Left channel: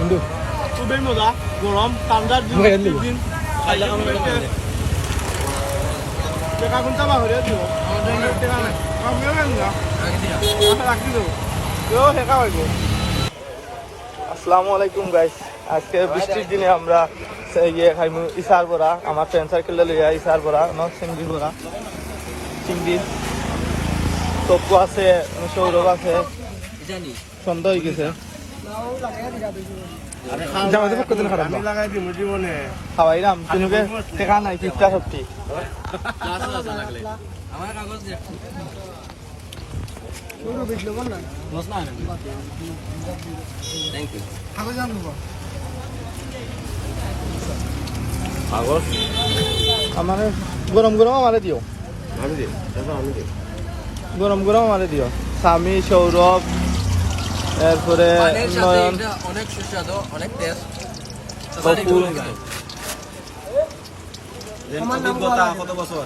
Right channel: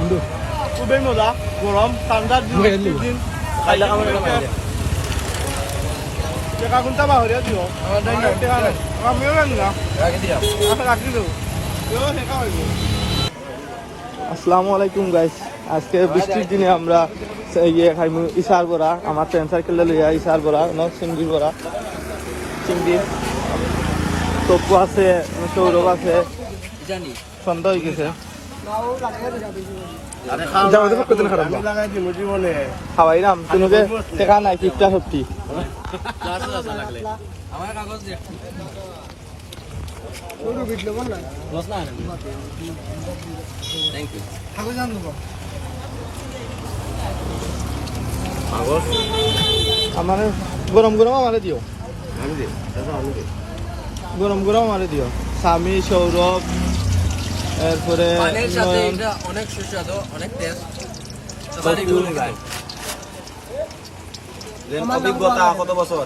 কিন্তু খুবই মজা গরম ঠান্ডার দিন টেকা কোনটা বাহরিয়া দিও টেকা নাই আমিও জানি না রাখি দেবো কেউ টেকা হইব। আসসালামু আলাইকুম গাইস, আজকে বৃষ্টির দিনে আমরা ইশার করা আমার ফ্রেন্ড সার্কেলে লিয়ে ইশার করা এবং সিঙ্গি করা সিঙ্গির টপু আছে সৌরভ আছে সন্ধ্যা হয়ে গেছে খাওয়াইলাম তোমাকে টেকা নাই 50-50 আমার কাগজ দে থ্যাংক ইউ কাগজ আনবো কাগজ আমার গরম গরম আমারে দিও আমি দে আমি দে গরম গরম আমারে দিও স্বামী সৌরভ এরপরে নয়ন অনেক সুস্বাদু অনেক টেস্ট অভিজ্ঞতা কত বছর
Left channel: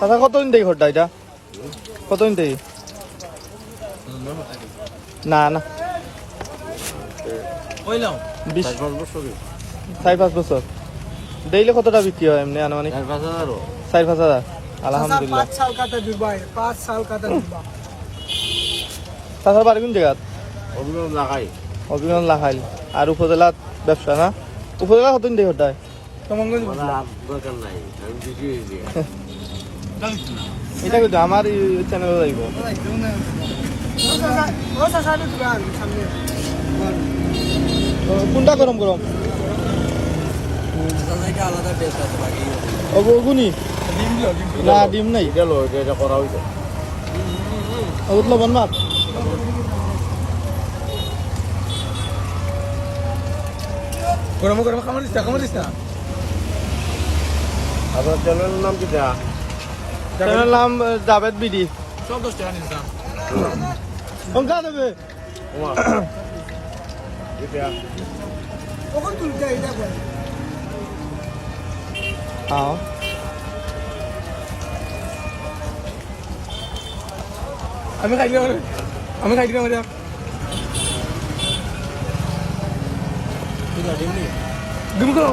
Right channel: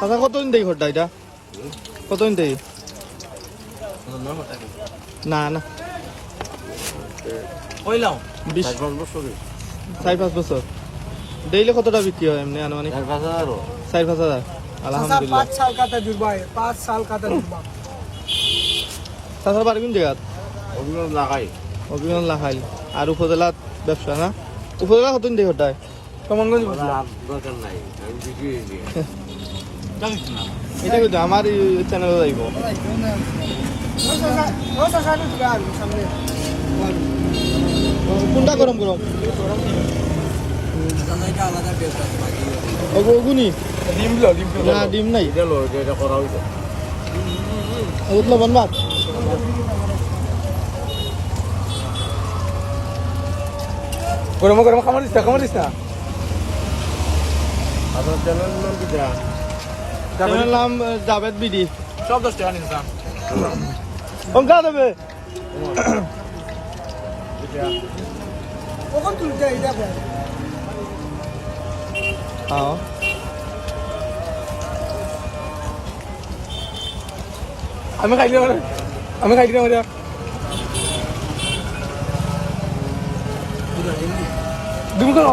দাদা কতদিন দেই ঘরটা এটা কতদিন দেই না না কইলাম 4-5 বছর ডেইলি কতটা বিক্রি হয় এমনি আনুমানিক 4-5 হাজার আলহামদুলিল্লাহ 5 साल का तजुर्बा है 5 साल का तजुर्बा তাছাড়া বাড়ি কোন জায়গা অভিজ্ঞতা লাগাই অভিমান লাখাইল আর উপজেলাত ব্যবসা না উপজেলা কতদিন দেই ঘরটায় কমনগঞ্জ দরকার নাই আমি বিক্রি দিয়ে এটা কিন্তু আমার চ্যানেলে যাইব रोसा साल दुआ सामने কোনটা গরম গরম আলাদা টেস্ট আছে বাকি ওগুনি না ডিম নাই এটা লো এটা করা হইছে ওগুলো লবণ ভাত गरम गरम खामार दिस ना আপনার চ্যানেলের নাম কি যা চ্যানেলের নাম জাভেদ বিডি সব 10 টাকা নিন দাম সংখ্যা দেবে এটা ওখান তুলতে এটা বল হ্যাঁ আমি খাই দিলাম মারিয়া ডিম কোন